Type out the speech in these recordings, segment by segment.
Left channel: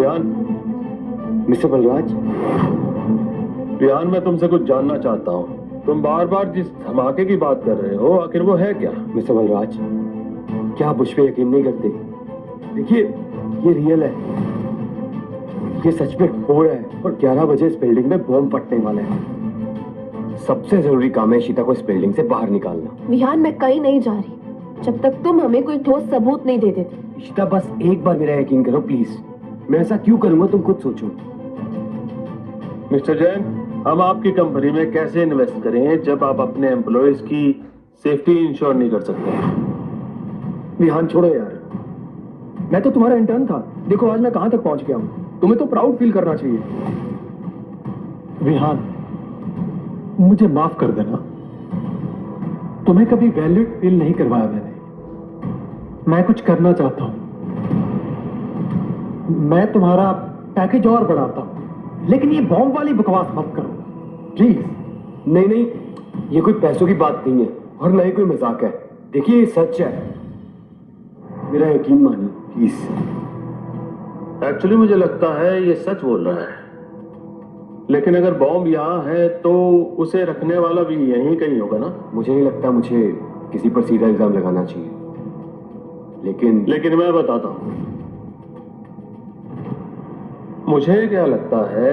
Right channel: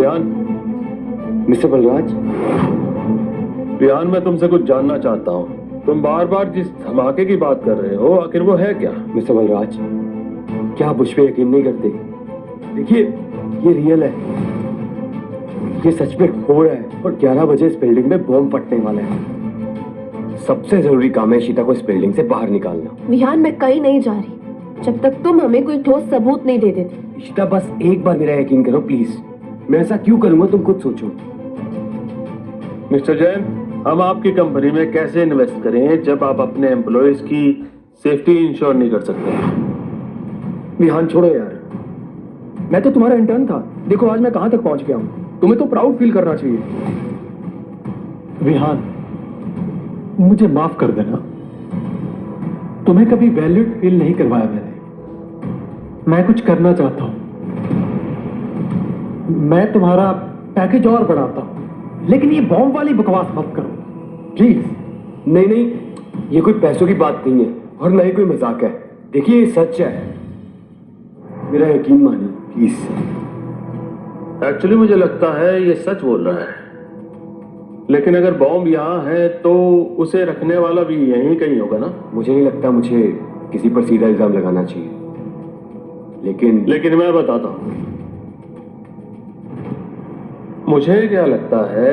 Riyan, mister Balraj, Riyan मैं तुमसे कुछ जानना चाहता हूँ। तुम बार बार जिस धमाके की बात कर रहे हो, आखिर वो है क्या? मिस्टर बलराज, क्या आप मुझ पे यकीन नहीं करते? देखिए, ये रियल है, ये सच में हो रहा है और 11 बजे इस बिल्डिंग में बॉम्ब फटने वाला है। सबसे जरूरी काम है इशिता को इस बिल्डिंग से बाहर निकालना। विहान, मैं कहीं नहीं जा रही जब तक तुम हमें कोई ठोस सबूत नहीं दे देते। इशिता, बस एक बार मेरा यकीन करो प्लीज। मैं ऐसा क्यों करूंगा तुम खुद सोचो। मिस्टर जैन, हम आपकी कंपनी में कैसे इन्वेस्ट करें जब आप अपने एम्प्लॉयज की सेफ्टी इंश्योर नहीं कर सकते? विहान छोड़ो यार, मैं तो तुम्हारा इंटर्न था। देखो आज मैं कहां तक पहुंच गया हूं। तुम्हें तो प्राउड फील करना चाहिए। विहान, मुझे माफ कर देना, तुम्हें कभी वैल्यूड फील नहीं करवाया मैंने। मैं कुछ करना चाहता हूं, मैं तुम्हारा पैकेज और बढ़ाता हूं, लेकिन ये बॉम्ब वाली बकवास मत करो प्लीज। नहीं नहीं, ये कोई पैसों की बात नहीं है और ना ही कोई मजाक है। देखिए ये सच है, मेरा यकीन मानिए प्लीज। एक्चुअली मुझे लगता है ये सच बोल रहा है, लेकिन अगर बॉम्ब यहाँ है तो उसे रखने वाला भी यहीं कहीं होगा ना? मुझे नहीं लगता मुझे किसी पर सीधा इल्जाम लगाना चाहिए, लेकिन मैं बताता हूं, मुझे क्या लगता है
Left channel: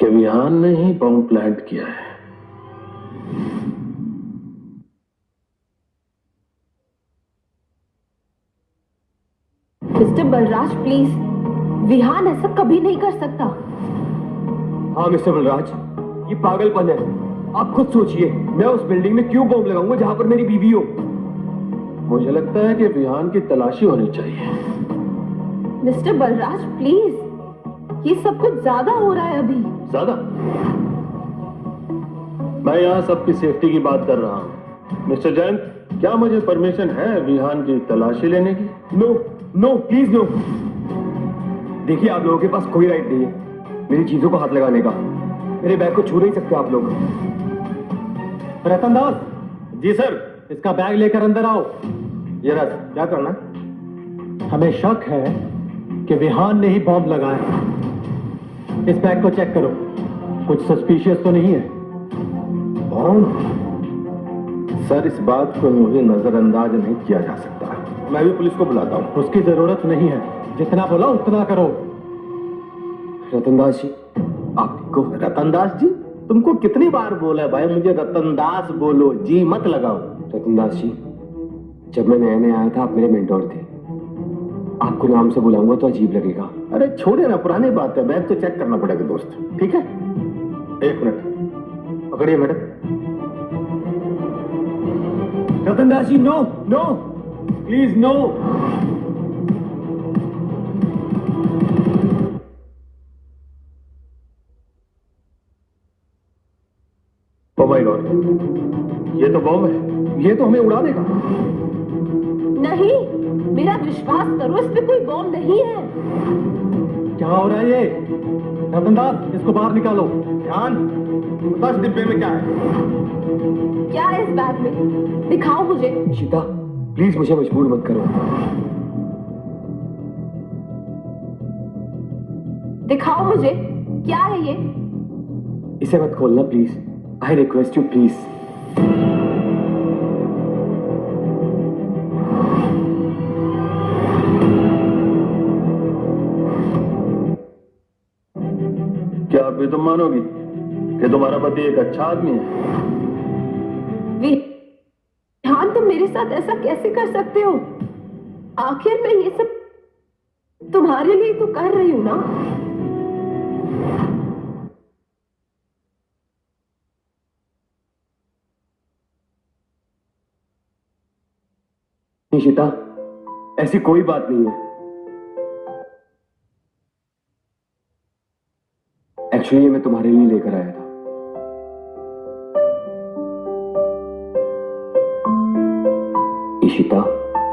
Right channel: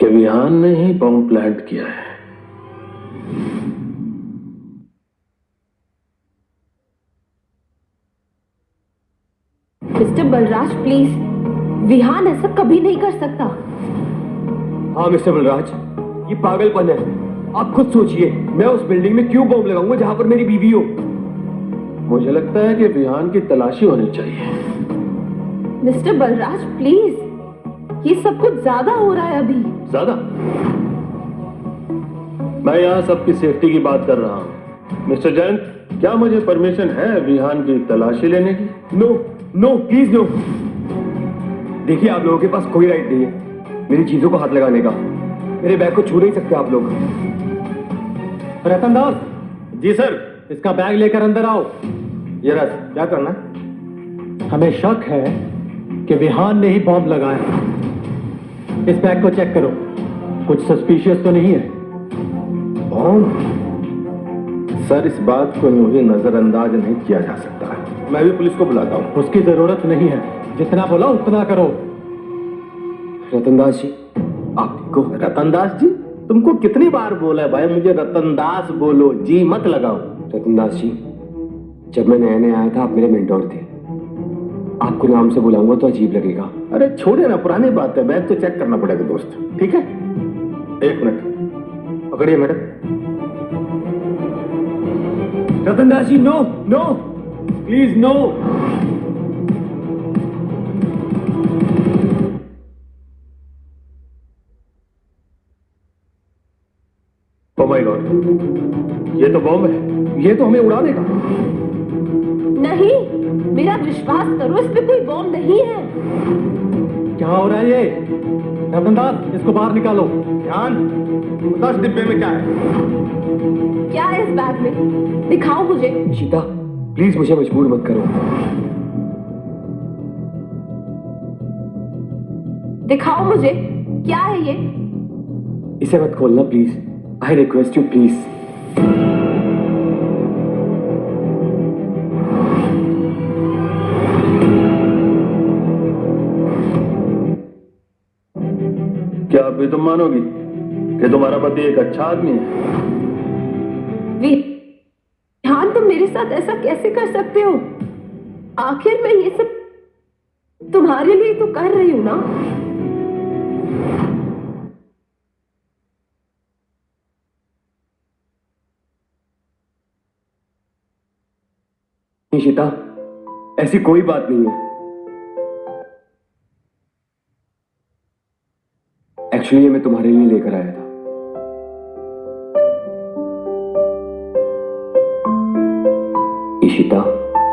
कि विहान ने ही बॉम्ब प्लांट किया है। मिस्टर बलराज प्लीज, विहान ऐसा कभी नहीं कर सकता। हाँ मिस्टर बलराज, ये पागलपन है। आप खुद सोचिए, मैं उस बिल्डिंग में क्यों बॉम्ब लगाऊंगा जहां पर मेरी बीवी हो। मुझे लगता है कि विहान की तलाशी होनी चाहिए। मिस्टर बलराज प्लीज, ये सब कुछ ज्यादा हो रहा है अभी। ज्यादा? मैं यहाँ सबकी सेफ्टी की बात कर रहा हूँ। मिस्टर जैन, क्या मुझे परमिशन है विहान की तलाशी लेने की? No no please no. देखिए, आप लोगों के पास कोई राइट नहीं है मेरी चीजों को हाथ लगाने का। मेरे बैग को छू नहीं सकते आप लोग। रतन दास, जी सर। इसका बैग लेकर अंदर आओ। ये रस, क्या करना है? हमें शक है कि विहान ने ही बॉम्ब लगाया। इस बैग को चेक करो, कुछ सस्पिशियस तो नहीं है? सर, इस बात को यूं ही नजरअंदाज नहीं किया जा सकता। मैं भी पुलिस को बुलाता हूँ। उसकी जरूरत नहीं है, जितना बोला उतना करो। रतनदास जी, आपको रतनदास जी, तुमको कितनी बार बोला है भाई मुझे रतनदास बोलो, जी मत लगाओ। रतनदास जी, जब मैं नया नया आया था आप मेरे मेंटोर थे। आपको नाम से बुलाऊंगा तो अजीब लगेगा। अरे छोड़े ना, पुरानी बात है। मैं तो चेक करना पड़ेगा दोस्त, ठीक है? एक मिनट पकड़िए madam. Ratandas ji, no no please no. ये तो बॉम्ब है, ये तो हमें उड़ा देगा। नहीं, मेरा विश्वास करो, इस पे कोई बॉम्ब नहीं है। क्या हो रहा है ये? रतनदास, इसको बाहर निकालो। ध्यान, 10 डिब्बे में क्या है? क्या है इस बैग में? दिखाओ मुझे। इशिता, प्लीज मुझे मजबूर मत करो। दिखाओ मुझे, क्या है ये? इसे मत खोलना please. I request you please. क्या अभी तुम मानोगी कि तुम्हारा पति एक अच्छा आदमी है? विहान, तुम मेरे साथ ऐसा कैसे कर सकते हो? आखिर मैं ये सब तुम्हारे लिए तो कर रही हूं ना। इशिता, ऐसी कोई बात नहीं है। एक्चुअली ये मैं तुम्हारे लिए लेकर आया था। इशिता,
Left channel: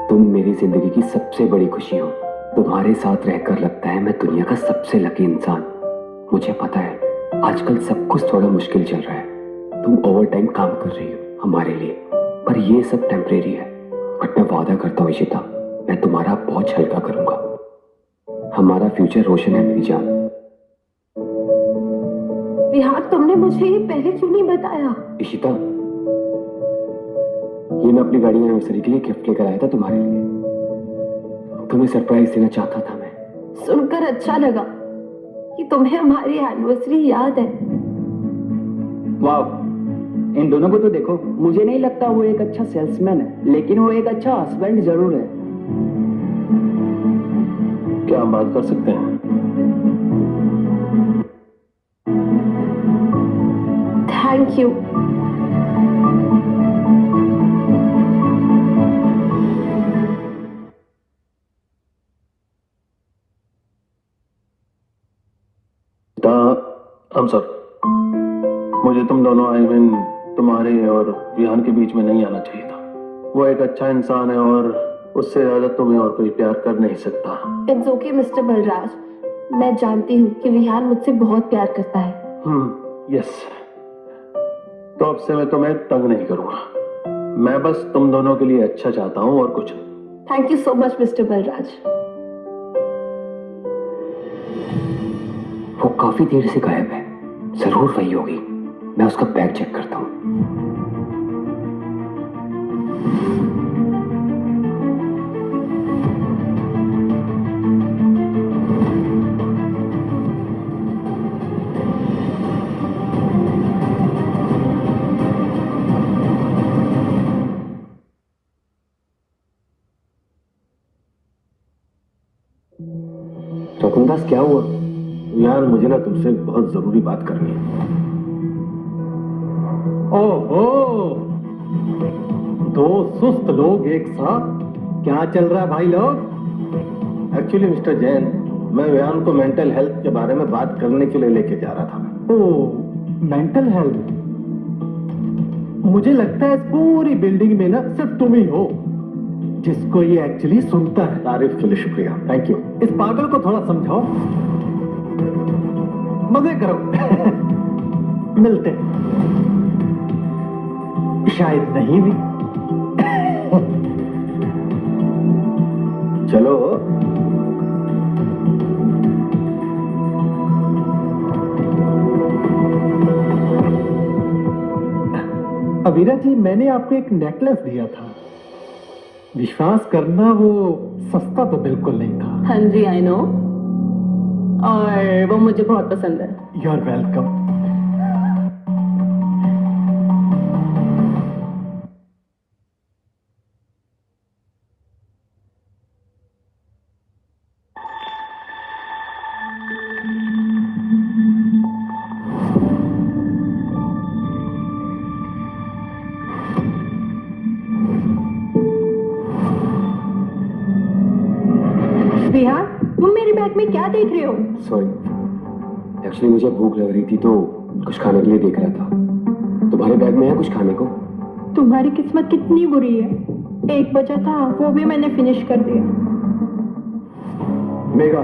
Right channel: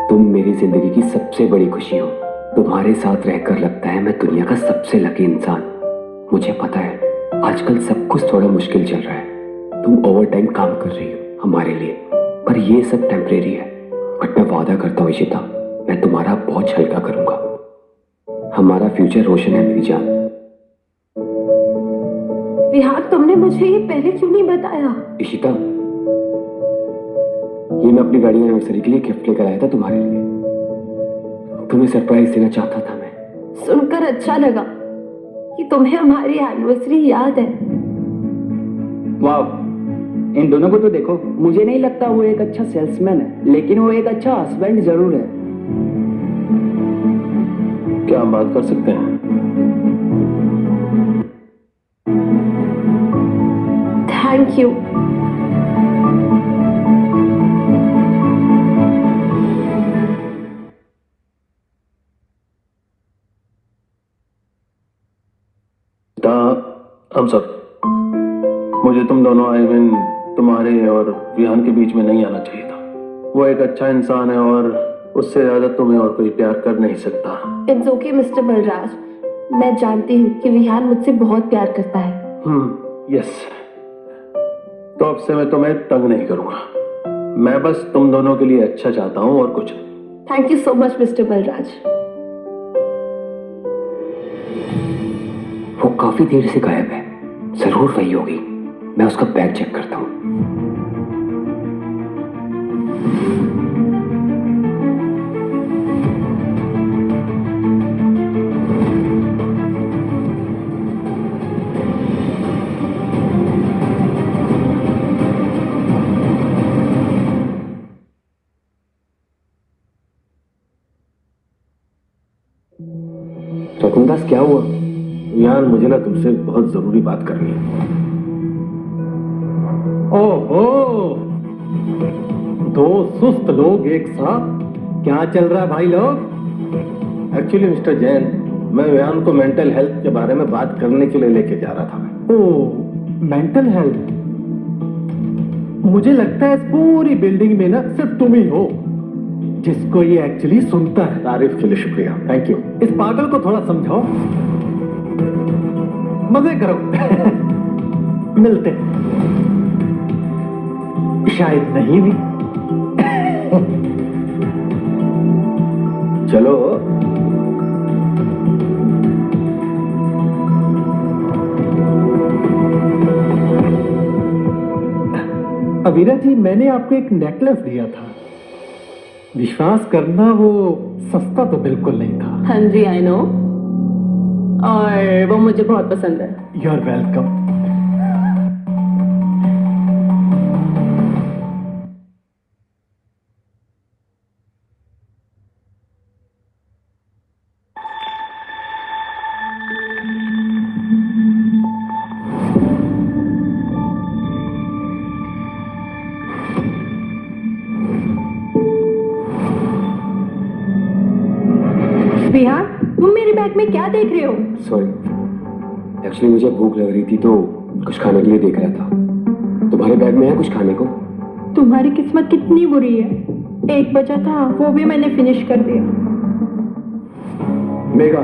तुम मेरी जिंदगी की सबसे बड़ी खुशी हो। तुम्हारे साथ रहकर लगता है मैं दुनिया का सबसे लकी इंसान। मुझे पता है आजकल सब कुछ थोड़ा मुश्किल चल रहा है। तुम ओवर टाइम काम कर रही हो हमारे लिए, पर ये सब टेम्परेरी है। बट मैं वादा करता हूँ इशिता, मैं तुम्हारा बोझ हल्का करूंगा। हमारा फ्यूचर रोशन है मेरी जान। विहान, तुमने मुझे ये पहले क्यों नहीं बताया? इशिता, ये मैं अपनी वेडिंग एनिवर्सरी के लिए गिफ्ट लेकर आया था तुम्हारे लिए। तुम्हें सरप्राइज देना चाहता था मैं। सुनकर अच्छा लगा कि तुम्हें हमारी एनिवर्सरी याद है। वाह, इन दोनों को तो देखो। मुझे नहीं लगता वो एक अच्छा सेल्समैन है, लेकिन वो एक अच्छा हस्बैंड जरूर है। क्या हम बात कर सकते हैं? Thank you. हम सर, मुझे तुम दोनों आई मीन तुम्हारे और विहान के बीच में नहीं आना चाहिए था। वो एक अच्छा इंसान है और उससे ज्यादा तुम्हें और कोई प्यार कर नहीं सकता। इट्स ओके मिस्टर बलराज, मैं जानती हूँ कि विहान मुझसे बहुत प्यार करता है। यस। तो अब से मैं तुम्हें तंग नहीं करूंगा। मैं बस तुम दोनों के लिए अच्छा चाहता हूँ और कुछ नहीं। Thank you so much mister Balraj. वो काफी देर से गायब है, जरूर वही होगी। मैं उसका बैग चेक करता हूँ। रघुदास, क्या हुआ? यार मुझे ना तुमसे बहुत जरूरी बात करनी है। ओहो, दो सुस्त लोग एक साथ, क्या चल रहा है भाई लोग? एक्चुअली मिस्टर जैन, मैं विहान को मेंटल हेल्थ के बारे में बात करने के लिए लेके जा रहा था। ओ, मेंटल हेल्थ। मुझे लगता है इस पूरी बिल्डिंग में ना सिर्फ तुम ही हो जिसको ये एक्चुअली सुनता है। तारीफ के लिए शुक्रिया, थैंक यू। इस पागल को थोड़ा समझाओ, मजे करो। मिलते हैं। शायद नहीं भी। चलो। अवीरा जी, मैंने आपको एक नेकलेस दिया था। विश्वास करना, वो सस्ता तो बिल्कुल नहीं था। हाँ जी, आई नो, और वो मुझे बहुत पसंद है। You are welcome. विहान, तुम मेरे बैग में क्या देख रहे हो? सॉरी, एक्चुअली मुझे भूख लग रही थी तो कुछ खाने के लिए देख रहा था। तुम्हारे बैग में है कुछ खाने को? तुम्हारी किस्मत कितनी बुरी है। 1 बचा था, वो भी मैंने फिनिश कर दिया। मेघा,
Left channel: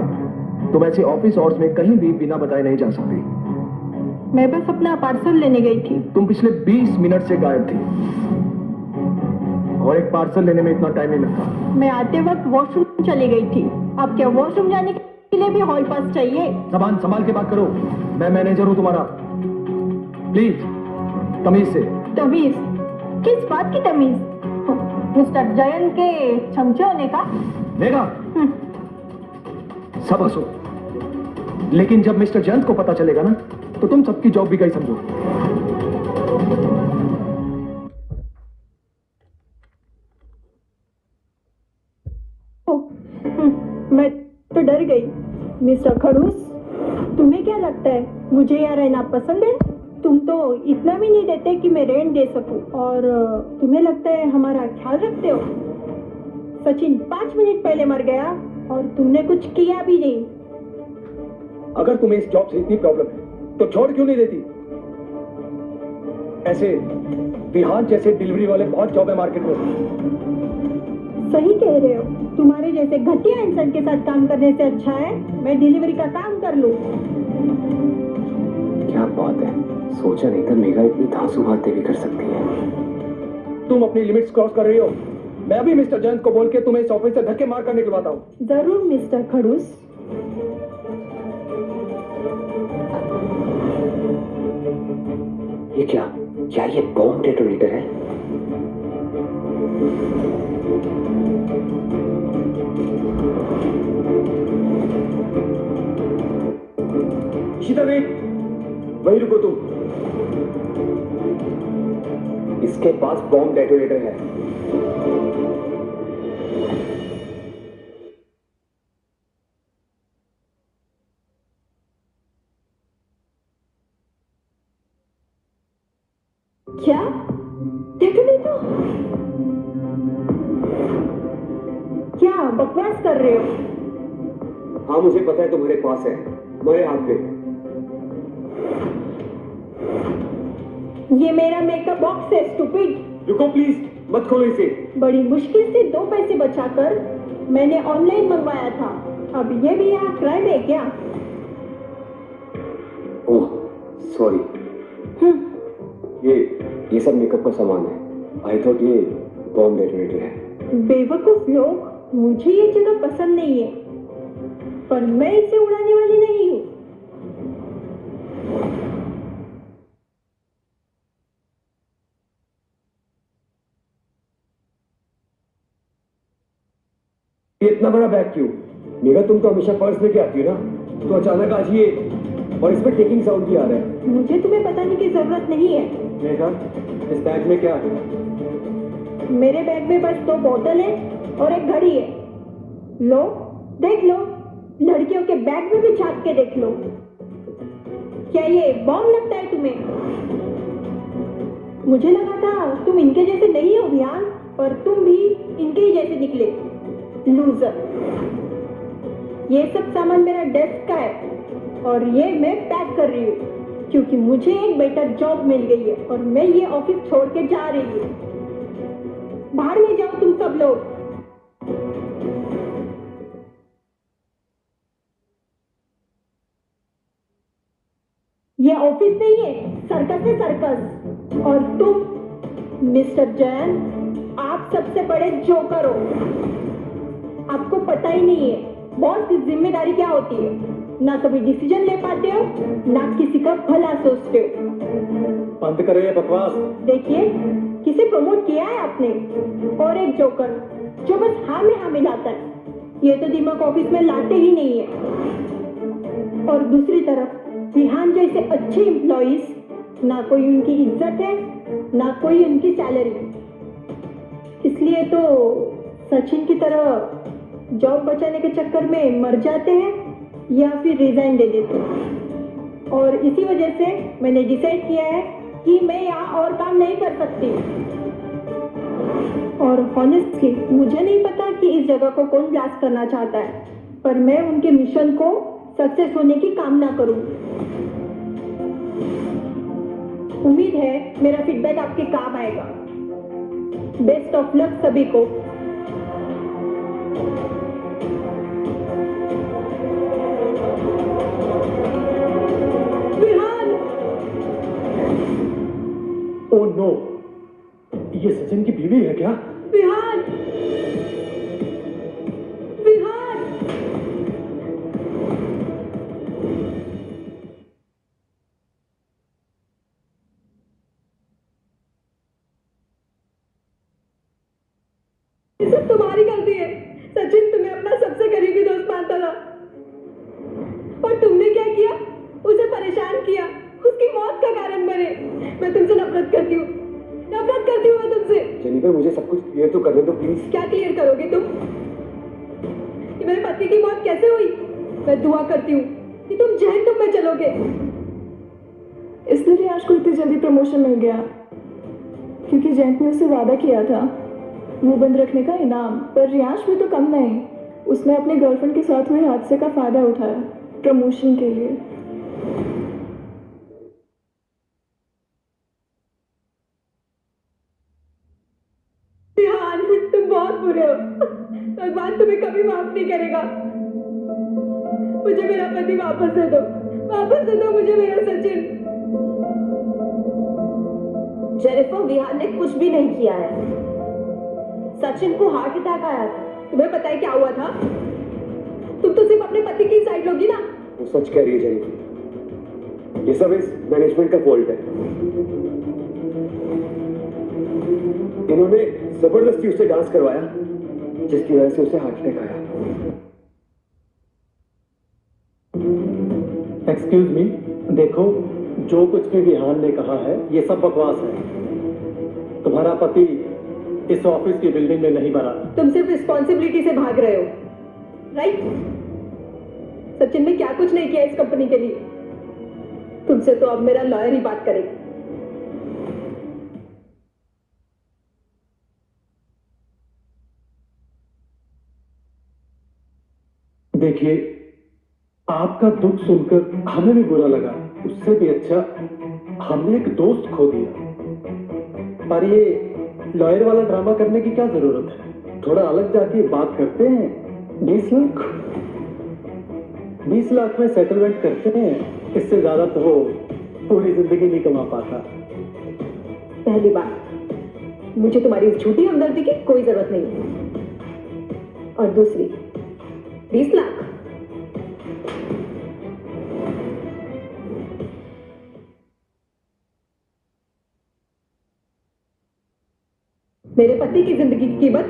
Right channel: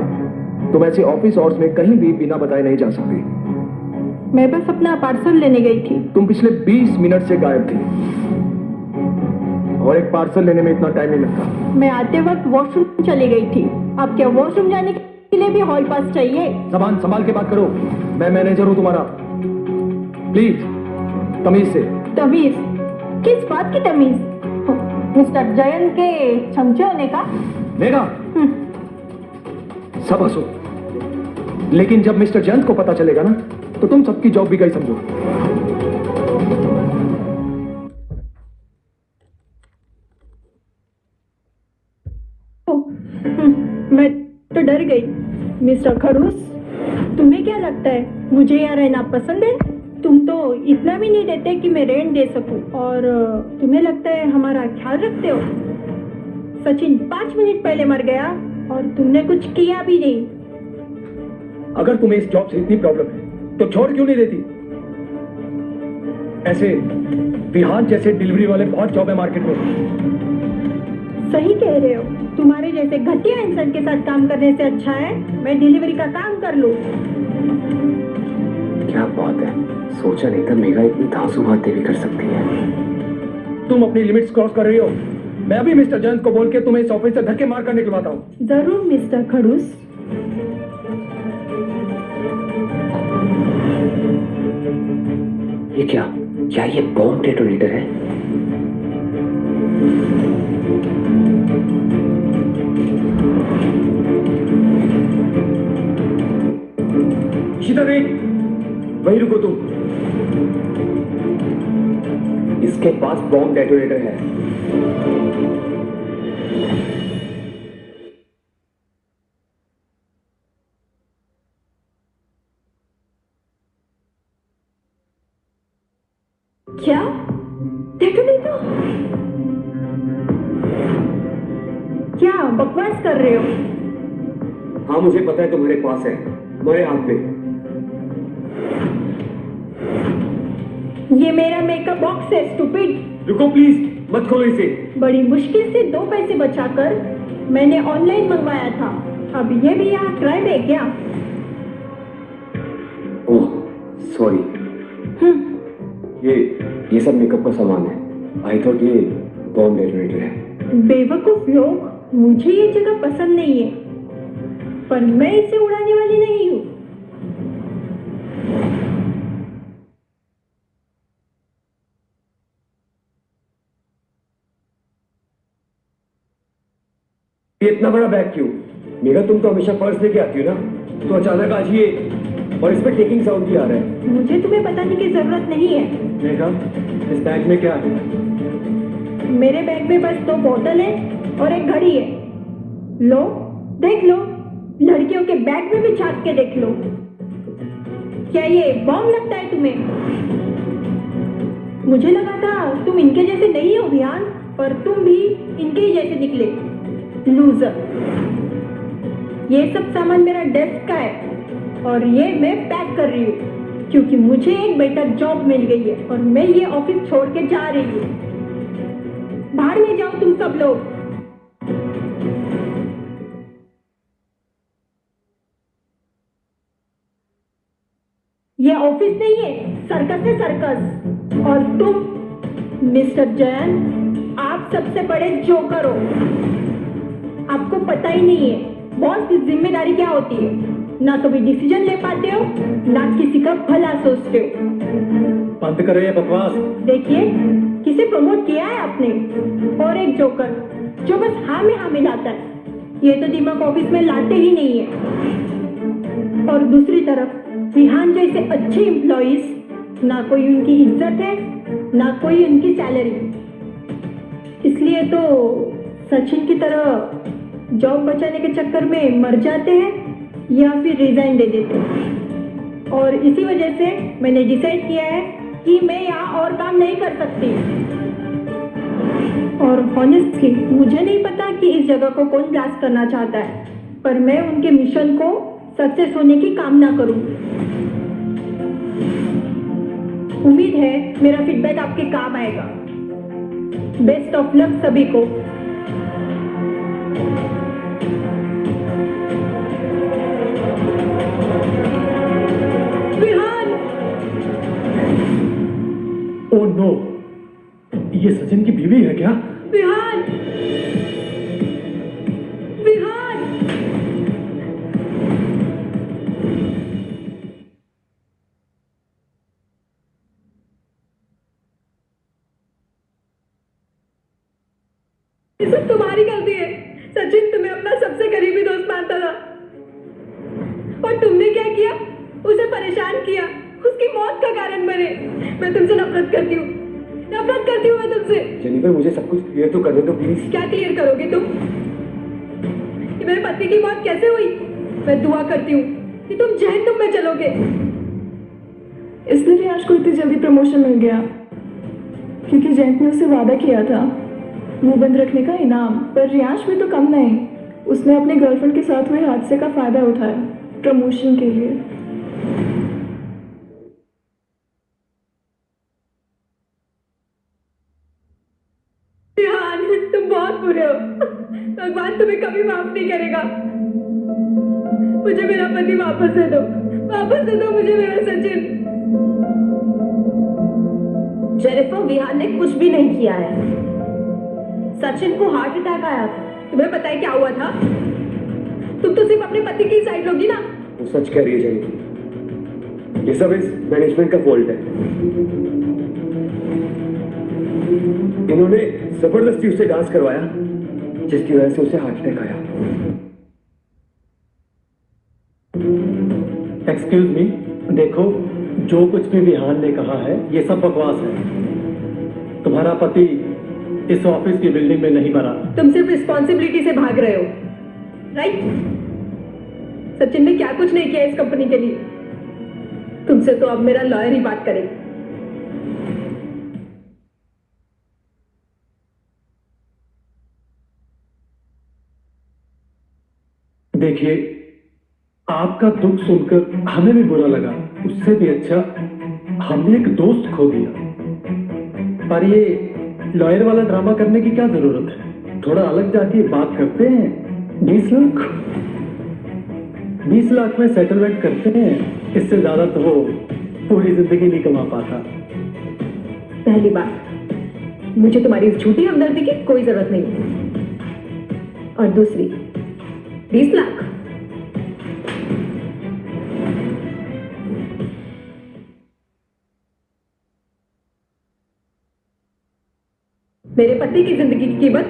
तुम ऐसे ऑफिस आवर्स में कहीं भी बिना बताए नहीं जा सकती। मैं बस अपना पार्सल लेने गई थी। तुम पिछले 20 मिनट से गायब थी और एक पार्सल लेने में इतना टाइम नहीं लगता। मैं आते वक्त वॉशरूम चली गई थी। अब क्या वॉशरूम जाने के लिए भी हॉल पास चाहिए? संभाल के बात करो, मैं मैनेजर हूं तुम्हारा। प्लीज तमीज से। तमीज? किस बात की तमीज? मिस्टर जयन के चमचे होने का? मेघा, सब हंसो, लेकिन जब मिस्टर जयंत को पता चलेगा ना, तो तुम सबकी जॉब भी गई समझो। मैं तो डर गई। मिस्टर खड़ूस, तुम्हें क्या लगता है मुझे यहाँ रहना पसंद है? तुम तो इतना भी नहीं देते कि मैं रेंट दे सकूं, और तुम्हें लगता है हमारा ख्याल रखते हो? सचिन 5 मिनट पहले मर गया और तुमने कुछ किया भी नहीं। अगर तुम्हें इस जॉब से इतनी प्रॉब्लम है तो छोड़ क्यों नहीं देती? ऐसे विहान जैसे डिलीवरी वाले बहुत जॉब है मार्केट में। सही कह रहे हो। तुम्हारे जैसे घटिया इंसान के साथ काम करने से अच्छा है मैं डिलीवरी का काम कर लूं। क्या बात है, सोचा नहीं था मेघा इतनी धांसू बातें भी कर सकती है। तुम अपनी लिमिट्स क्रॉस कर रही हो। मैं अभी मिस्टर जयंत को बोल के तुम्हें इस ऑफिस से धक्के मार कर निकलवाता हूँ। जरूर मिस्टर खड़ूस। ये क्या क्या ये बॉम्ब डेटोनेटर है? इशिता देवी, वहीं रुको तुम। इसके पास बॉम्ब डेटोनेटर है। क्या डेटोनेटर? क्या बकवास कर रहे हो? हाँ मुझे पता है तुम्हारे पास है, मेरे हाथ में। ये मेरा मेकअप बॉक्स है स्टूपिड। रुको प्लीज, मत खोलो इसे। बड़ी मुश्किल से 2 पैसे बचाकर मैंने ऑनलाइन मंगवाया था। अब ये भी यहाँ क्राइम है क्या? Oh sorry. ये सब मेकअप का सामान है। आई थॉट ये बॉम्ब डेटोनेटर है। बेवकूफ लोग, मुझे ये जगह पसंद नहीं है, पर मैं इसे उड़ाने वाली नहीं हूँ। ये इतना बड़ा बैग क्यों? मेघा तुम तो हमेशा पर्स लेके आती हो ना, तो अचानक आज ये, और इसमें टेकिंग साउंड भी आ रहा है। मुझे तुम्हें बताने की जरूरत नहीं है। मेघा, इस बैग में क्या है? मेरे बैग में बस 2 बोतल है और एक घड़ी है। लो, देख लो। लड़कियों के बैग में भी झांक के देख लो। क्या ये बॉम्ब लगता है तुम्हें? मुझे लगा था तुम इनके जैसे नहीं हो विहान, पर तुम भी इनके ही जैसे निकले। लूजर। ये सब सामान मेरा डेस्क का है और ये मैं पैक कर रही हूँ क्योंकि मुझे एक बेटर जॉब मिल गई है और मैं ये ऑफिस छोड़ के जा रही हूँ। बाहर में जाओ तुम सब लोग। ये ऑफिस नहीं है, सर्कस है सर्कस। और तुम मिस्टर जैन, आप सबसे बड़े जोकर हो। आपको पता ही नहीं है बॉस की जिम्मेदारी क्या होती है। ना तो भी डिसीजन ले पाते हो, ना किसी का भला सोचते हो। बंद करो ये बकवास। देखिए, किसे प्रमोट किया है आपने? और एक जोकर जो बस हाँ में हाँ मिलाता है। ये तो दिमाग ऑफिस में लाते ही नहीं है। और दूसरी तरफ विहान जैसे अच्छे एम्प्लॉइज, ना कोई उनकी इज्जत है, ना कोई उनकी सैलरी। इसलिए तो सचिन की तरह जॉब बचाने के चक्कर में मर जाते हैं या फिर रिजाइन दे देते हैं। और इसी वजह से मैंने डिसाइड किया है कि मैं यहाँ और काम नहीं कर सकती। और ऑनेस्टली मुझे नहीं पता कि इस जगह को कौन ब्लास्ट करना चाहता है, पर मैं उनके मिशन को सक्सेस होने की कामना करूंगी। उम्मीद है मेरा फीडबैक आपके काम आएगा। बेस्ट ऑफ लक सभी को। ओह नो, ये सचिन की बीवी है क्या? विहान! विहान! ये सब तुम्हारी गलती है। सचिन तुम्हें अपना सबसे करीबी दोस्त मानता था और तुमने क्या किया? उसे परेशान किया, उसकी मौत का कारण बने। मैं तुमसे नफरत करती हूँ, नफरत करती हूँ मैं तुमसे। जेनिफर, मुझे सब कुछ क्लियर तो करने दो प्लीज। क्या क्लियर करोगे तुम? कि मेरे पति की मौत कैसे हुई? मैं दुआ करती हूँ कि तुम जहन्नुम में चलोगे। इसलिए रियाज को इतनी जल्दी प्रमोशन मिल गया क्योंकि जैंक ने उससे वादा किया था मुंह बंद रखने का इनाम। पर रियाज भी तो कम नहीं, उसने अपने गर्लफ्रेंड के साथ हुए हादसे का फायदा उठाया प्रमोशन के लिए। तुम बहुत बुरे हो। भगवान तुम्हें कभी माफ नहीं करेगा। मुझे मेरा पति वापस दे दो, वापस दे दो मुझे मेरा सचिन। जेनिफर, विहान ने कुछ भी नहीं किया है। सचिन को हार्ट अटैक आया था। तुम्हें पता है क्या हुआ था? तुम तो सिर्फ अपने पति की साइड लोगी ना। वो सच कह रही है जयंती, ये सब इस मैनेजमेंट का फॉल्ट है। इन्होंने जबरदस्ती उससे डांस करवाया, जिसकी वजह से उसे हार्ट अटैक आया। एक्सक्यूज मी, देखो जो कुछ भी विहान ने कहा है ये सब बकवास है। तुम्हारा पति इस ऑफिस की बिल्डिंग में नहीं मरा। तुम सिर्फ रिस्पॉन्सिबिलिटी से भाग रहे हो, राइट? सचिन ने क्या कुछ नहीं किया इस कंपनी के लिए। तुमसे तो अब मेरा लॉयर ही बात करेगा। देखिए, आपका दुख सुनकर हमें भी बुरा लगा, उससे भी अच्छा हमने एक दोस्त खो दिया। पर ये लॉयर वाला ड्रामा करने की क्या जरूरत है? थोड़ा अलग जाके बात करते हैं। 20 लाख में सेटलमेंट करते हैं। इससे ज्यादा तो वो पूरी जिंदगी नहीं कमा पाता। पहली बात, मुझे तुम्हारी इस झूठी हमदर्दी की कोई जरूरत नहीं है। और दूसरी, 20 लाख मेरे पति की जिंदगी की कीमत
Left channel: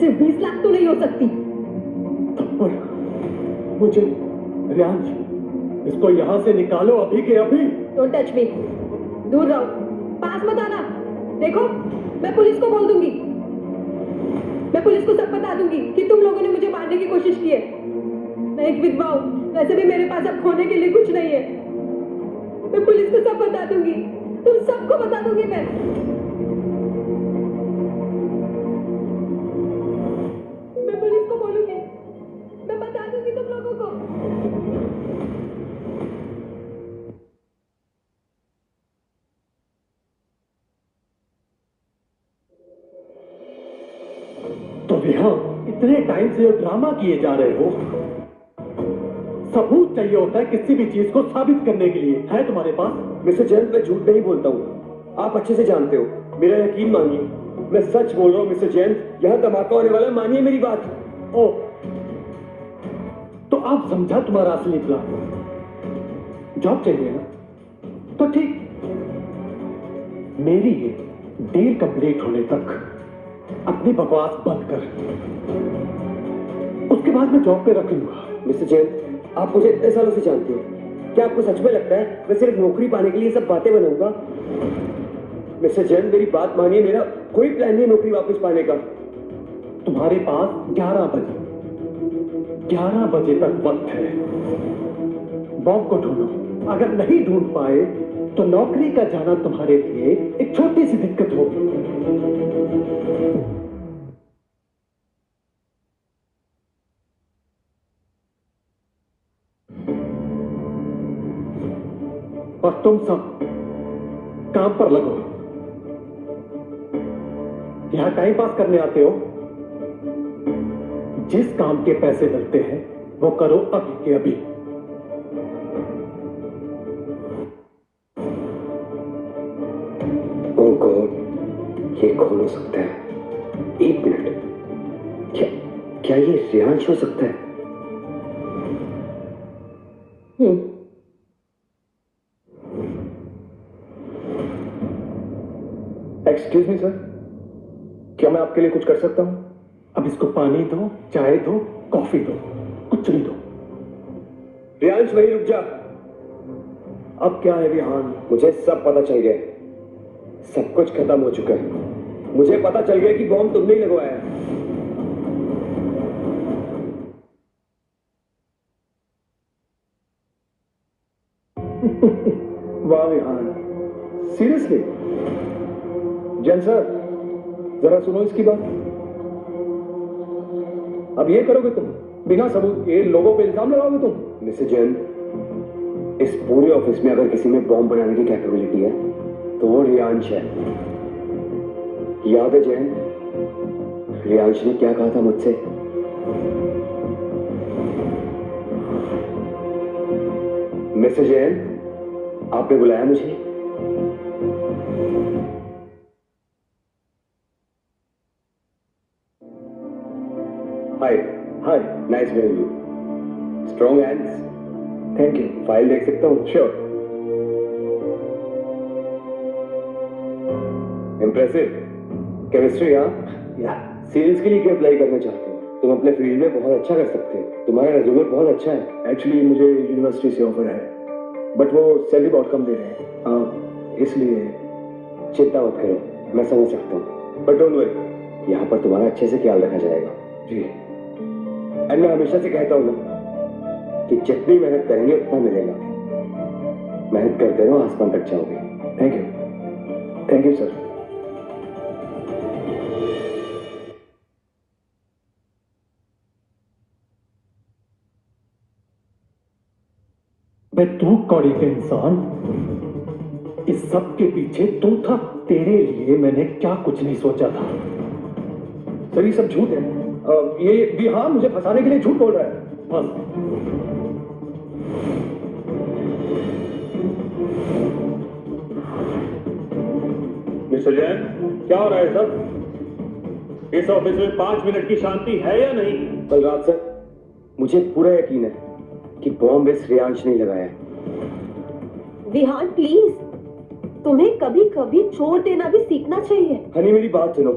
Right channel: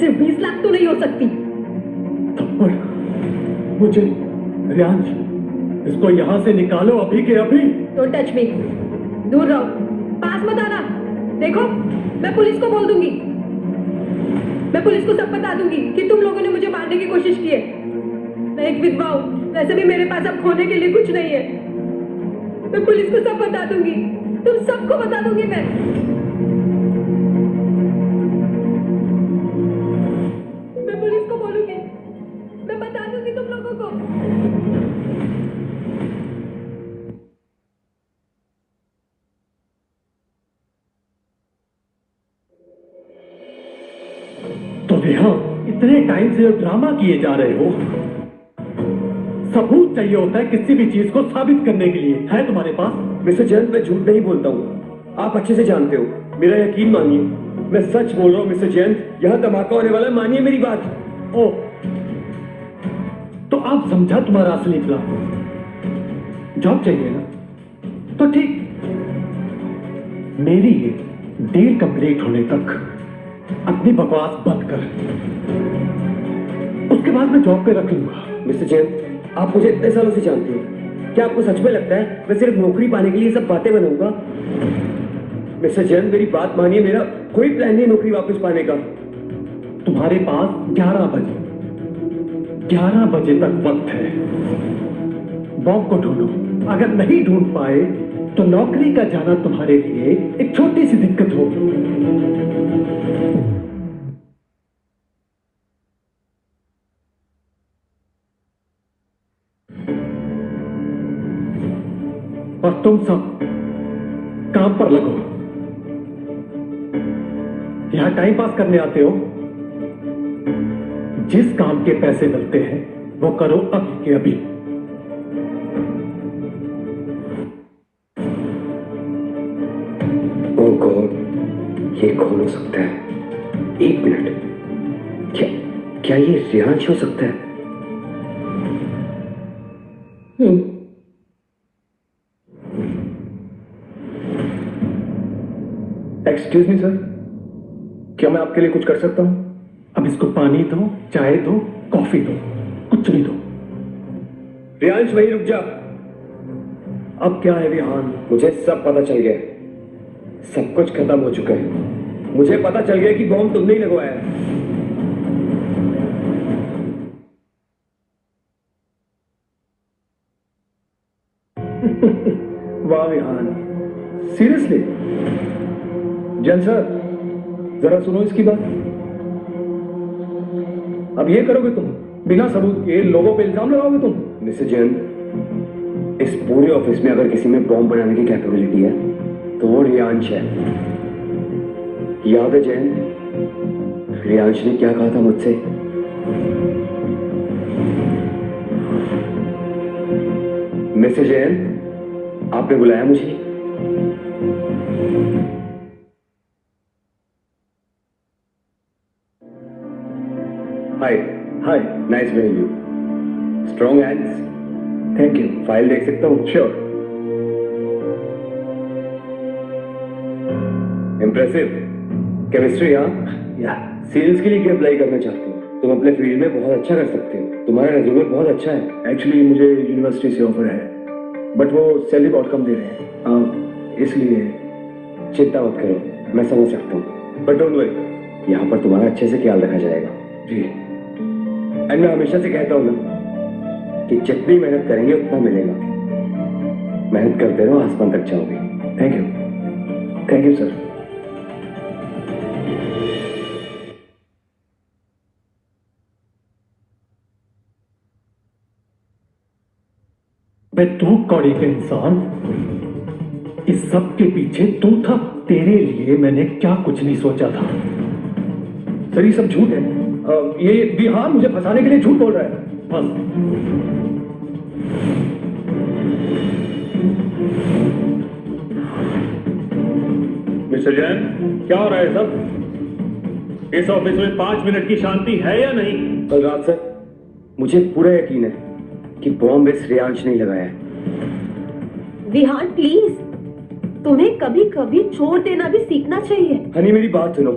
सिर्फ 20 लाख तो नहीं हो सकती। थप्पड़ मुझे, रियांश, इसको यहां से निकालो अभी के अभी। डोंट टच मी, दूर रहो, पास मत आना। देखो, मैं पुलिस को बोल दूंगी। मैं पुलिस को सब बता दूंगी कि तुम लोगों ने मुझे मारने की कोशिश की है। मैं एक विधवा हूं, वैसे भी मेरे पास अब खोने के लिए कुछ नहीं है। मैं पुलिस को सब बता दूंगी, तुम सबको बता दूंगी। मैं पुलिस को बोलूंगी, मैं बता दूंगी तुम लोगों को। तो नेहा, इतने टाइम से ड्रामा किए जा रहे हो। सबूत चाहिए होता है किसी भी चीज को साबित करने के लिए। है तुम्हारे पास? मिस्टर जयंत, मैं झूठ नहीं बोलता हूँ, आप अच्छे से जानते हो। मेरा यकीन मानिए, मैं सच बोल रहा हूँ मिस्टर जयंत। यहाँ धमाका होने वाला है, मानिए मेरी बात। ओ, तो आप समझा तुम्हारा असली प्लान। जॉब चाहिए ना, तो ठीक, मेरी ये डील कंप्लीट होने तक अपनी बकवास बंद कर, उसके बाद मैं जॉब पे रख लूंगा। मिस्टर जयंत, आप मुझे इतने सालों से जानते हैं, क्या आपको सच में लगता है मैं सिर्फ नौकरी पाने के लिए सब बातें बनाऊंगा? मिस्टर जयंत, मेरी बात मानिए, मेरा कोई प्लान नहीं नौकरी वापस पाने का। तुम्हारे पास 11 बजे तक वक्त है। बॉब को ढूंढो, अगर नहीं ढूंढ पाए तो नौकरी का जाना तुम्हारे लिए एक छोटी सी दिक्कत होगी। और तुम सब काम पर लगो। यहां टाइम पास करने आते हो? जिस काम के पैसे मिलते हैं वो करो अभी के अभी। ओह गॉड, ये कौन हो सकता है? एक मिनट, क्या ये रियांश हो सकता है? एक्सक्यूज मी सर, क्या मैं आपके लिए कुछ कर सकता हूं? अब इसको पानी दो, चाय दो, कॉफी दो, कुछ भी दो। रियांश, वहीं रुक जा। अब क्या है रिहान, मुझे सब पता चल गया। सब कुछ खत्म हो चुका है। मुझे पता चल गया कि बॉम्ब तुमने ही लगवाया है। वाह विहान, सीरियसली? जैन सर, जरा सुनो इसकी बात। अब ये करोगे तुम? बिना सबूत के लोगों पे इल्जाम लगाओगे तुम? मिस्टर जैन, इस पूरे ऑफिस में अगर किसी में बॉम्ब बनाने की कैपेबिलिटी है तो वो रियांश है। याद है जैन, रियांश ने क्या कहा था मुझसे? मिस्टर जैन, आपने बुलाया मुझे? Hi hi, nice meeting you. Strong hands. Thank you. File देख सकता हूँ? श्योर। Impressive chemistry. हाँ, या सेल्स के लिए क्या अप्लाई करना चाहते हो? तुम अपने फील्ड में बहुत अच्छा कर सकते हो, तुम्हारा रेज्यूमे बहुत अच्छा है। एक्चुअली मुझे यूनिवर्सिटी से ऑफर है, बट वो सैलरी बहुत कम दे रहे हैं, इसलिए। चिंता मत करो, मैं समझ सकता हूँ, बट डोंट वरी, यहाँ पर तुम्हारा अच्छे से ख्याल रखा जाएगा। जी। एंड मैं हमेशा से कहता हूँ ना कि जितनी मेहनत करेंगे उतना मिलेगा। मेहनत करते रहो, आसमान तक जाओगे। Thank you sir. मैं तू कौड़ी के इंसान, इस सब के पीछे तू था। तेरे लिए मैंने क्या कुछ नहीं सोचा था। सर ये सब झूठ है। ये विहान मुझे फंसाने के लिए झूठ बोल रहा है बस। मिस्टर जैन, क्या हो रहा है सब? इस ऑफिस में 5 मिनट की शांति है या नहीं? कल रात से मुझे पूरा यकीन है कि बॉम्ब इस रियांश ने लगाया है। विहान प्लीज, तुम्हें कभी कभी छोड़ देना भी सीखना चाहिए। हनी मेरी बात सुनो,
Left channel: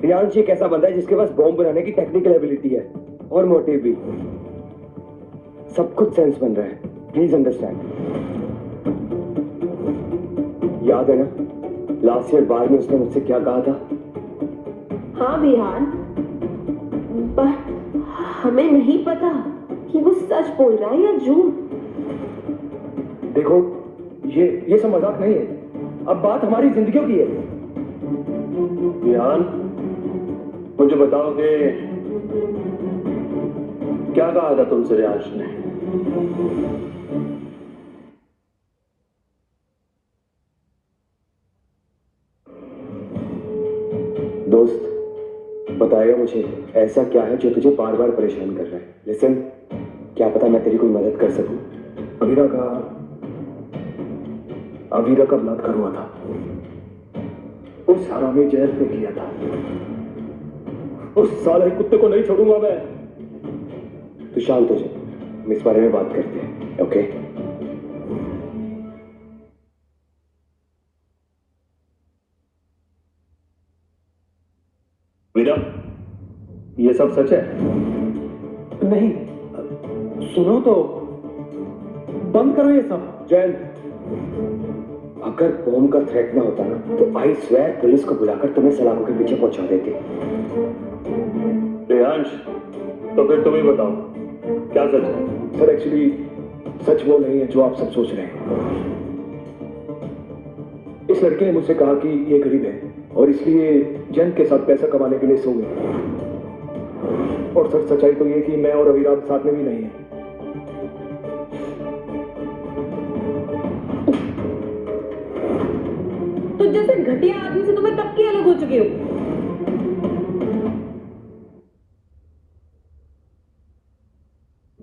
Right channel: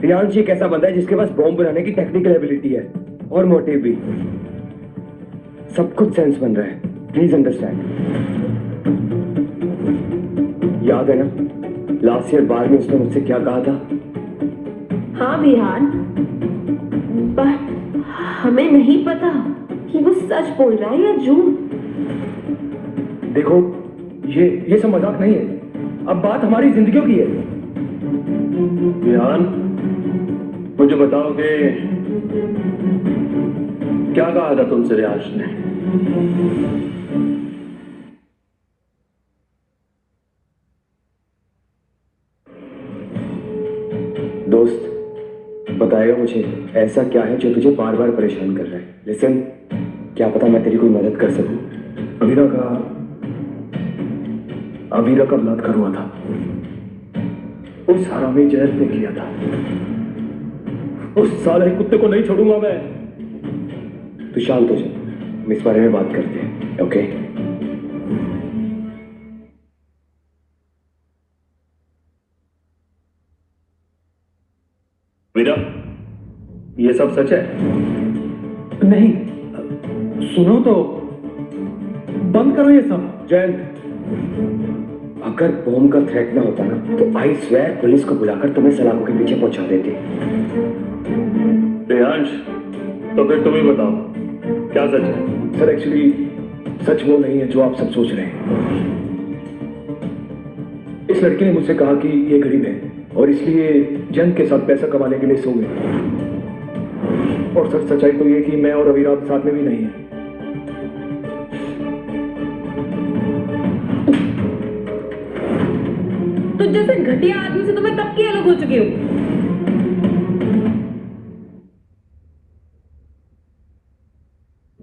रियांश एक ऐसा बंदा है जिसके पास बॉम्ब बनाने की टेक्निकल एबिलिटी है और मोटिव भी। सब कुछ सेंस बन रहा है, प्लीज अंडरस्टैंड। याद है ना लास्ट ईयर बाद में उसने मुझसे क्या कहा था? हाँ विहान, बट हमें नहीं पता कि वो सच बोल रहा है या झूठ। देखो ये सब मजाक नहीं है, अब बात हमारी जिंदगियों की है। विहान, मुझे बताओ कि क्या कहा था तुमसे रियांश ने? दोस्त बताएगा मुझे ऐसा क्या है जो तुझे बार बार परेशान कर रहा है? लिसन, क्या पता मैं तेरी कोई मदद कर सकूं। अमीरा का बलात्कार हुआ था, उस हरामी जहर ने किया था। उस साले कुत्ते को नहीं छोड़ूंगा मैं। तू शांत हो जा, हम इस बारे में बात करते हैं, ओके? वीरा, ये सब सच है? नहीं, सुनो तो, बंद करो ये सब। जयंत, अगर बॉम्ब का थ्रेट ना होता ना तो आई स्वेयर पुलिस को बुलाकर तुम्हें सलाखों के पीछे पहुंचा देते। रियांश, तो फिर तुम ही बताओ क्या सच है? सर एक्चुअली सच वो नहीं है जो आप सब सोच रहे हैं। इस लड़के ने मुझसे कहा कि ये गरीब है और इसलिए जंग के साथ पैसा कमाने के लिए सो गए। और सर सच्चाई तो ये कि मैं और अवीरा साथ में भी नहीं है। तो जैसे घटिया आदमी से तुम्हें कब के अलग हो चुके हो?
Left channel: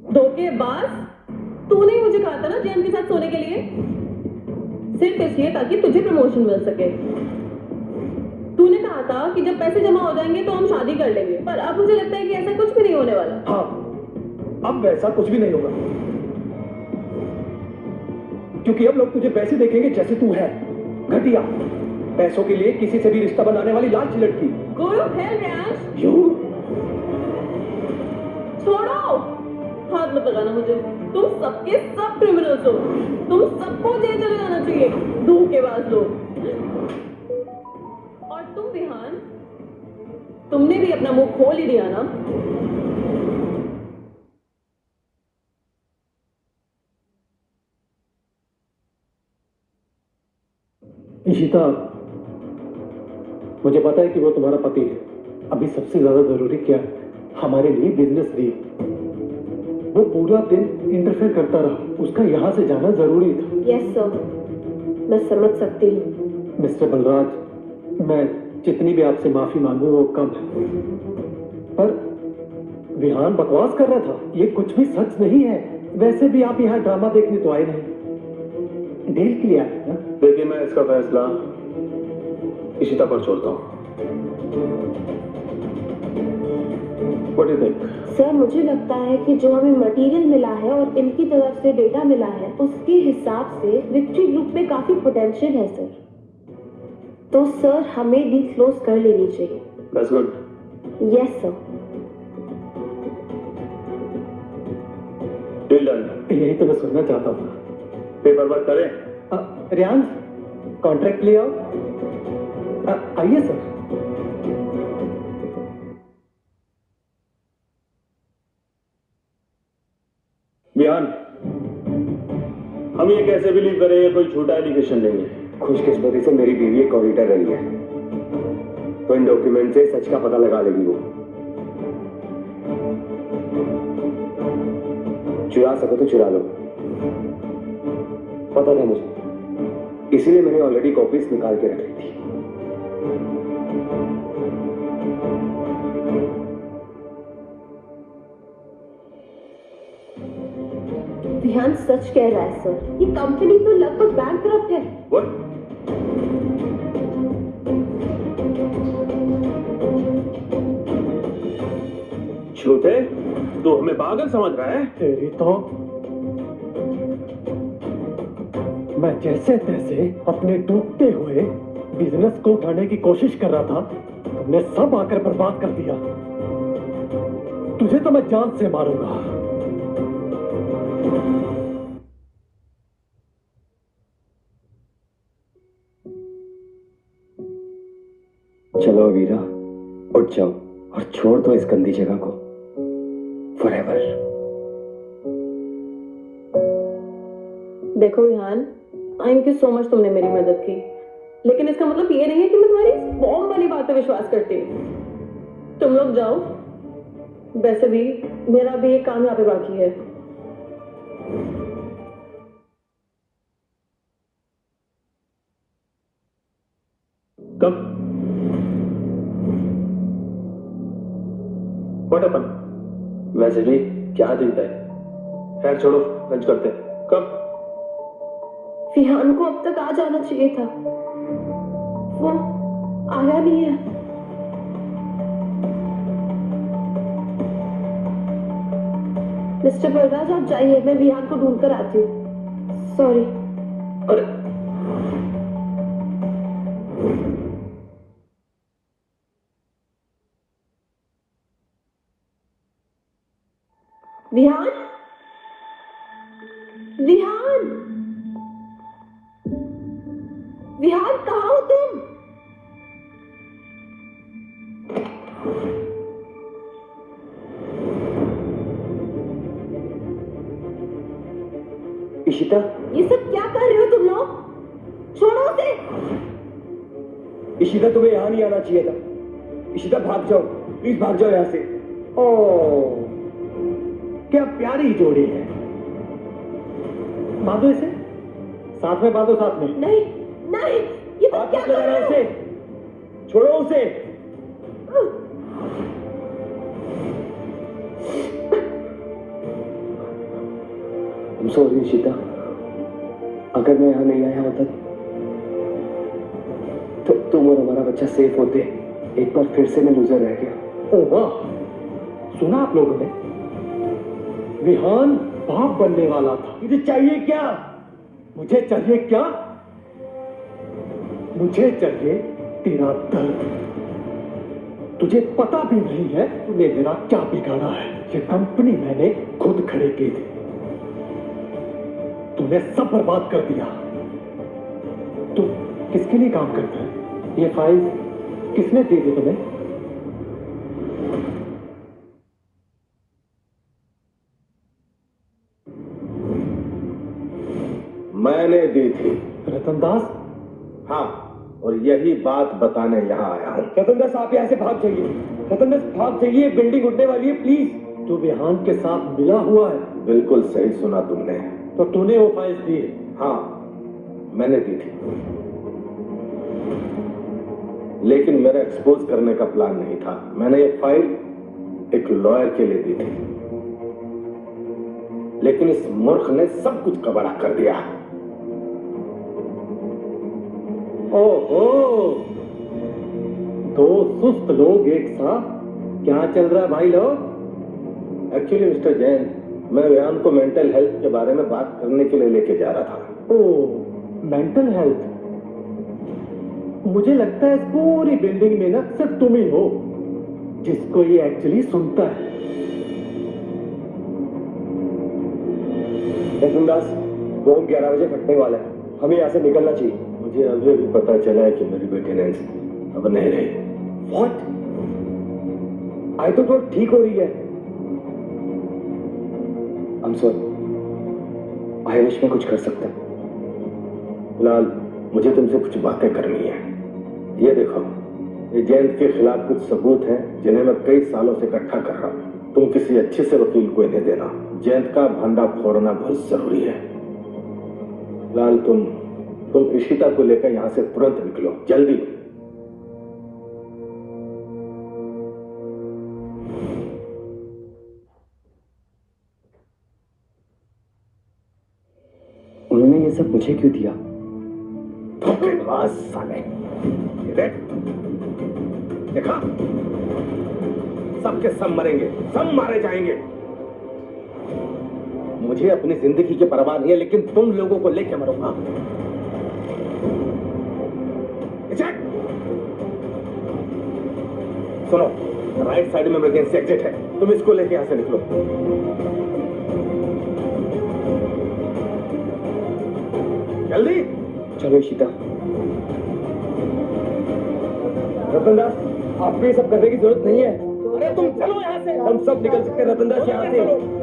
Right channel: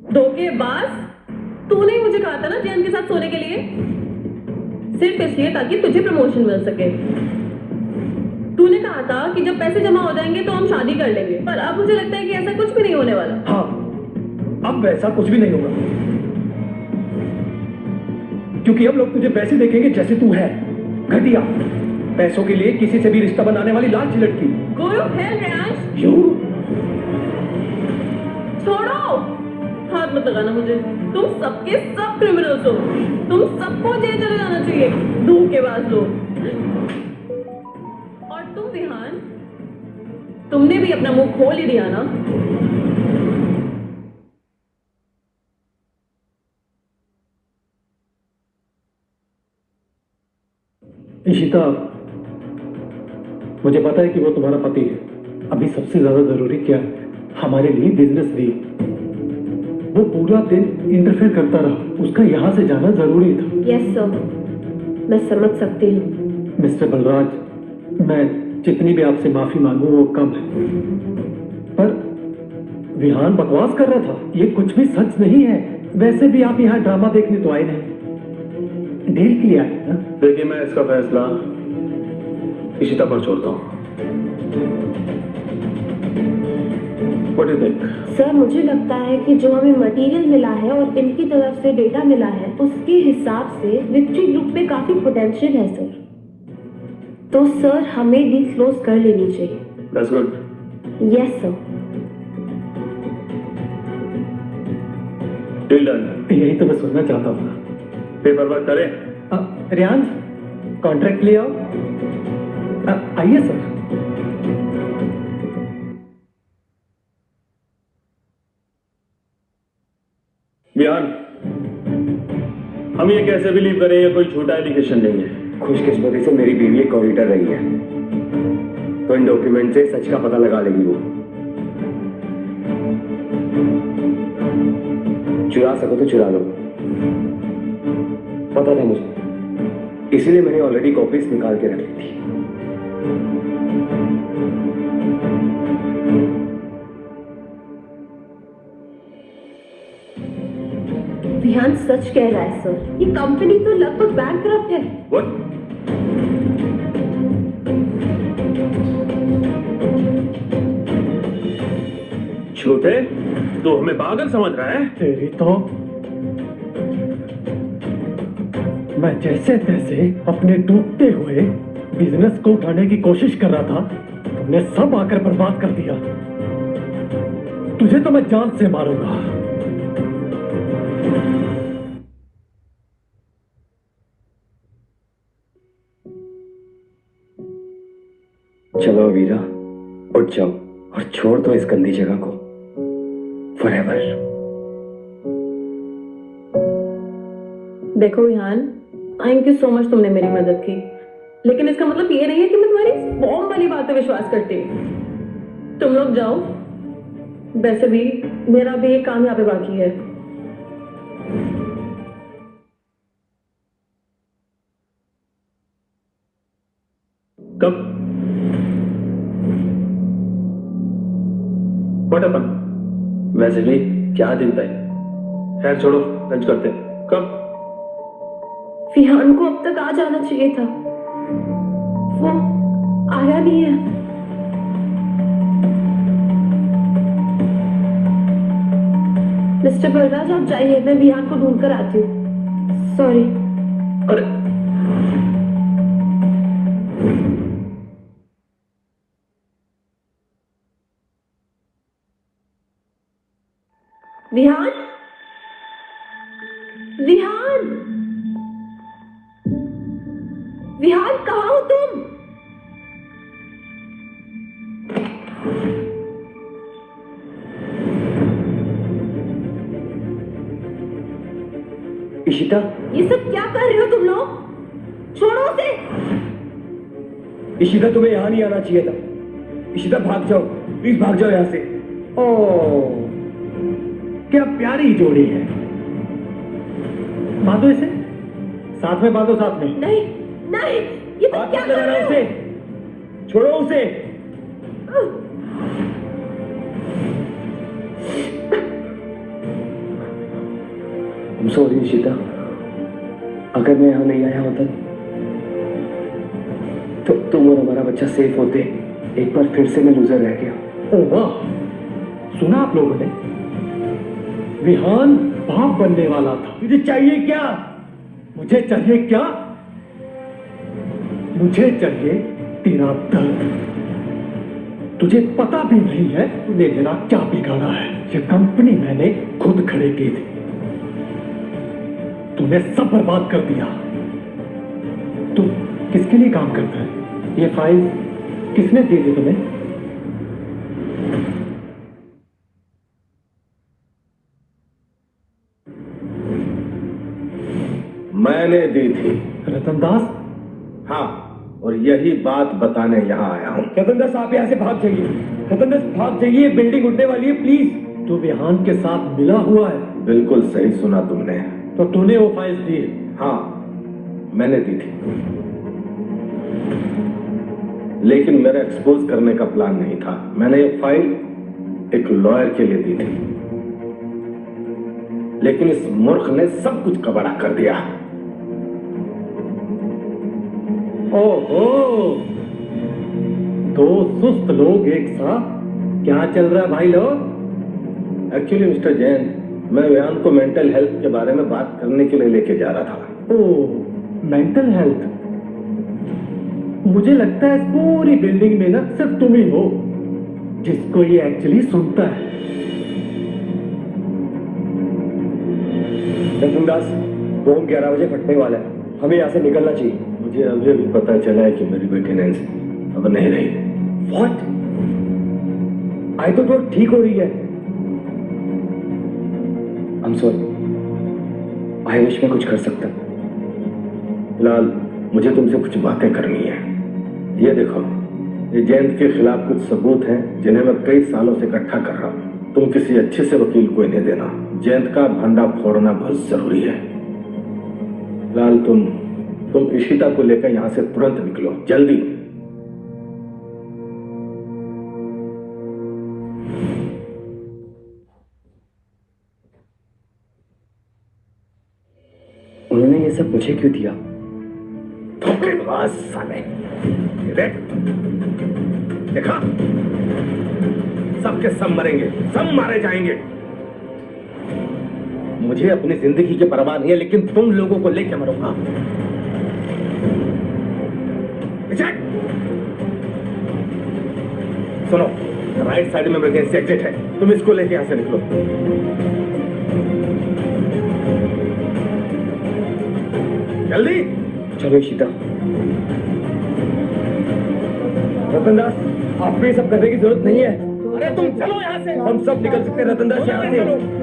धोखेबाज, तूने ही मुझे कहा था ना जैन के साथ सोने के लिए, सिर्फ इसलिए ताकि तुझे प्रमोशन मिल सके। तूने कहा था कि जब पैसे जमा हो जाएंगे तो हम शादी कर लेंगे, पर अब मुझे लगता है कि ऐसा कुछ भी नहीं होने वाला। हाँ, अब वैसा कुछ भी नहीं होगा, क्योंकि अब लोग तुझे वैसे देखेंगे जैसे तू है, घटिया, पैसों के लिए किसी से भी रिश्ता बनाने वाली लालची लड़की। Go to hell, Riyansh. You? छोड़ो, हाथ मत लगाना मुझे। तुम सबके सब क्रिमिनल्स हो, तुम सबको जेल चले जाना चाहिए, धोखेबाज लोग। और तुम विहान, तुमने भी अपना मुंह खोल ही दिया ना। इशिता, मुझे पता है कि वो तुम्हारा पति है। अभी सबसे ज्यादा जरूरी क्या है? हमारे लिए बिजनेस डील। वो पूरा दिन इंटरफेयर करता रहा, उसका यहाँ से जाना जरूरी था। यस सर, मैं समझ सकती हूँ। मिस्टर बलराज, मैं जितनी भी आपसे माफी मांगू वो कम है, पर विहान बकवास कर रहा था, ये कुछ भी सच नहीं है। वैसे भी आप यहाँ ड्रामा देखने तो आए नहीं, डील के लिए आए ना। देखिए, मैं इसका फैसला इशिता पर छोड़ता हूँ। What do you think? Sir मुझे लगता है कि जो हमें मटेरियल मिला है और इनकी तरफ से डेटा मिला है उसके हिसाब से विक्ट्री ग्रुप पे काफी पोटेंशियल है सर। तो सर हमें डील क्लोज कर लेनी चाहिए। That's good. Yes sir. Deal done. यही तो मैं सुनना चाहता हूँ। पेपर वर्क करें। रियांश कॉन्ट्रैक्ट ले आओ। आइए सर। विहान, हम ये कैसे बिलीव करें ये कोई छोटा एलिगेशन नहीं है। खुशकिस्मती से मेरी बीवी एक ऑडिटर रही है, तो इन डॉक्यूमेंट से सच का पता लगा लेगी वो। चुरा सको तो चुरा लो, पता था मुझे, इसीलिए मैंने ऑलरेडी कॉपीज निकाल के रख ली थी। विहान सच कह रहा है सर, ये कंपनी तो लगभग बैंकक्रप्ट है। What? छोटे, तू हमें पागल समझ रहा है? तेरी तो मैं जैसे तैसे अपने डूबते हुए बिजनेस को उठाने की कोशिश कर रहा था, तुमने सब आकर बर्बाद कर दिया। तुझे तो मैं जान से मारूंगा। चलो वीरा, उठ जाओ और छोड़ दो इस गंदी जगह को फॉरएवर। देखो Vihaan, thank you so much, तुमने मेरी मदद की, लेकिन इसका मतलब ये नहीं है कि मैं तुम्हारी बॉम्ब वाली बात पे विश्वास करती हूँ। तुम लोग जाओ, वैसे भी मेरा भी एक काम यहाँ पे बाकी है। कब? What happened? वैसे भी क्या दिन था? खैर छोड़ो, लंच करते हैं। कब? विहान को अब तक आ जाना चाहिए था, वो आया नहीं है। मिस्टर बलराज आप जाइए, मैं विहान को ढूंढ कर आती हूँ। सॉरी। अरे विहान, विहान, विहान कहाँ हो तुम? इशिता, ये सब क्या कर रहे हो तुम लोग? छोड़ो उसे। इशिता तुम्हें यहाँ नहीं आना चाहिए था। इशिता भाग जाओ, प्लीज भाग जाओ यहाँ से। ओह, क्या प्यारी जोड़ी है। बांधो इसे, साथ में बांधो, साथ में। नहीं नहीं, ये तुम क्या कर रहे हो? उसे छोड़ो उसे। सॉरी इशिता, अगर मैं यहाँ नहीं आया होता तो तुम और हमारा बच्चा सेफ होते। एक बार फिर से मैं लूजर रह गया। ओह वाह, सुना आप लोगों ने? विहान बाप बनने वाला था। मुझे चाहिए क्या? मुझे चाहिए क्या? मुझे चाहिए तेरा दर्द। तुझे पता भी नहीं है तूने मेरा क्या बिगाड़ा है। ये कंपनी मैंने खुद खड़ी की थी, तूने सब बर्बाद कर दिया। तू किसके लिए काम करता है? ये फाइल किसने दी थी तुम्हें? मैंने दी थी। रतन दास? हाँ, और यही बात बताने यहाँ आया हूँ। रतन दास, आप यहाँ से भाग जाइए। रतन दास भाग जाइए, बिल्डिंग उठने वाली है, प्लीज। तू विहान के साथ मिला हुआ है? बिल्कुल सही सुना तुमने। तो तूने वो फाइल दी? हाँ, मैंने दी थी, लेकिन मेरा एक्सपोज करने का प्लान नहीं था। मैंने ये फाइल एक लॉयर के लिए दी थी, लेकिन इस मूर्ख ने सब कुछ कबाड़ा कर दिया। ओहो, दो सुस्त लोग एक साथ क्या चल रहा है भाई लोग? एक्चुअली मिस्टर जैन, मैं व्यान को मेंटल हेल्थ के बारे में बात करने के लिए लेके जा रहा था। ओह, मेंटल हेल्थ। मुझे लगता है इस पूरी बिल्डिंग में ना सिर्फ तुम ही हो जिसको ये एक्चुअली सुनता है। दास, बॉम्ब 11 बजे फटने वाला है, हमें यहाँ से निकलना चाहिए। मुझे अभी भी पता चला है कि मेरी बेटी नैन्सी अब नहीं रही। What? आई तो ठीक हो रही है। I'm sorry. आई विश मैं कुछ कर सकता। फिलहाल मुझे तुमसे कुछ बातें करनी है। ये देखो, ये जयंत के खिलाफ कुछ सबूत हैं जिन्हें मैं कई सालों से इकट्ठा कर रहा हूँ। तुम किसी अच्छे से वकील को इन्हें देना। जयंत का भंडा फोड़ना बहुत जरूरी है। फिलहाल तुम इशिता को लेकर यहाँ से तुरंत निकलो, जल्दी। उन्होंने ये सब मुझे क्यों दिया? धोखेबाज साले। देख, देखा, सबके सब मरेंगे, सब मारे जाएंगे। मुझे अपनी जिंदगी की परवाह नहीं है, लेकिन तुम लोगों को लेके मरूंगा। सुनो, राइट साइड में इमरजेंसी एग्जिट है, तुम इसको लेके यहां से निकलो। जल्दी चलो इशिता। रतन दास, आपको ये सब करने की जरूरत नहीं है। अरे तुम चलो यहाँ से। हम सब निकल सकते हैं रतन दास, यहाँ से।